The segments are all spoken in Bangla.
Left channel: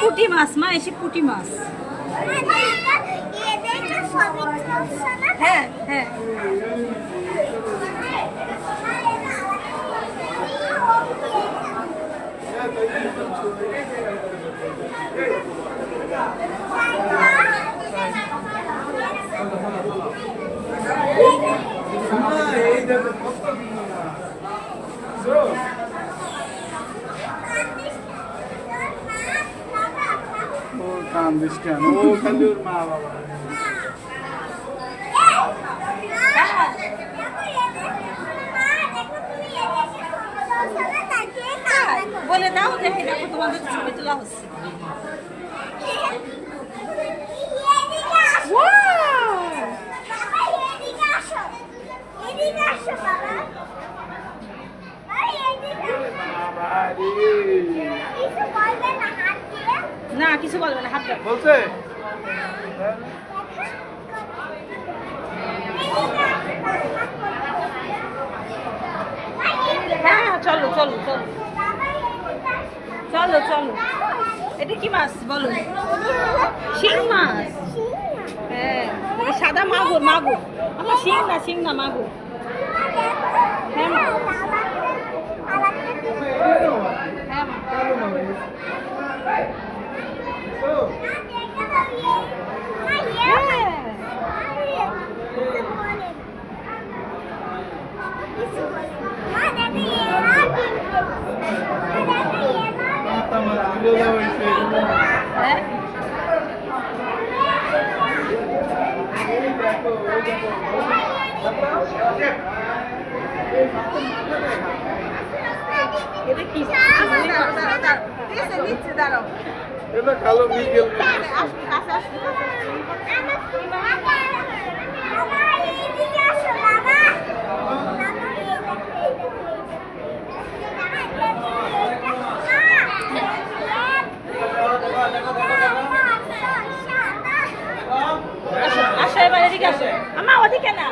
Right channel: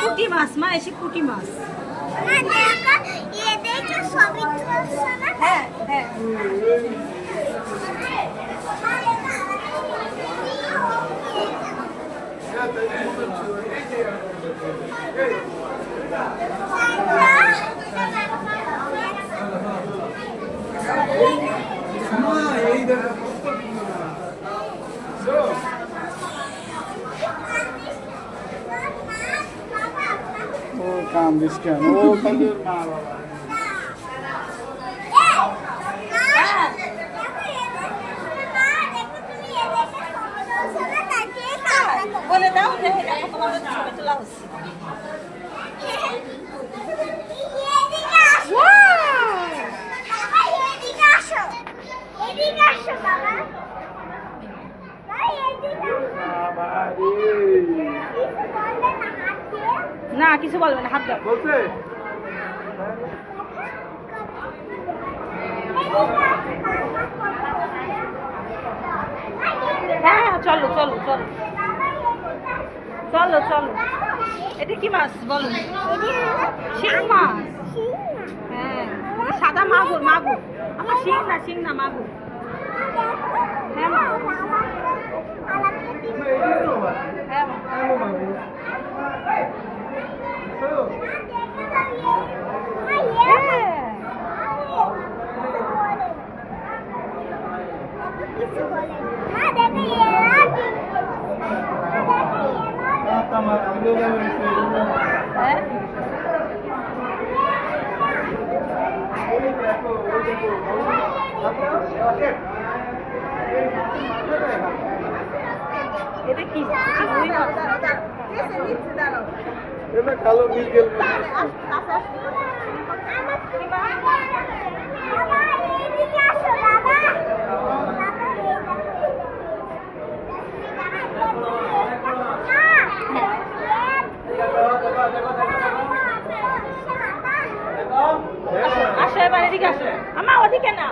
পুঁটি মাছ মা, এসে পুঁটি মাছ। হ্যাঁ হ্যাঁ ও কান্দিস কেন? ও খালি ওর মা বাবা। বলে দাও যে দেখো তোমাদের ছবি তোলা হচ্ছে। না কিছু বলবে না, হাত দাও। বলছে হ্যাঁ চলো চলো চলো চলো চলো। এটা কি মাছ বলো? শিং মাছ। হ্যাঁ এটা সাদা মাগুর, মাগুর। আমার শিং না মাগুর। হ্যাঁ মা। হ্যাঁ এটা কি? দাঁড়াও এটা কালো বিকেল। আসো এবার এদিকে আসো। আমা ওদিকে না,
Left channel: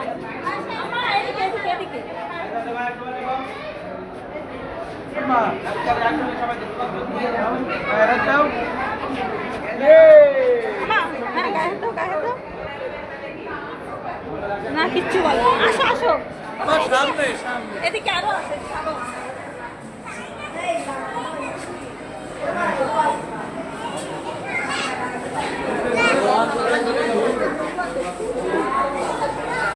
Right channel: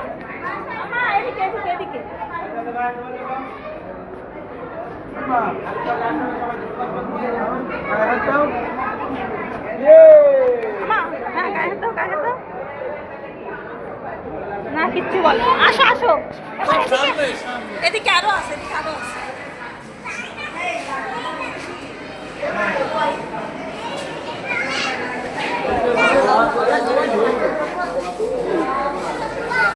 আমা এদিকে এদিকে এদিকে। আমা হ্যাঁ গায়ে তো না কিচ্ছু বলে না। আসো আসো এদিকে আরো আছে, এদিকে আরো আছে।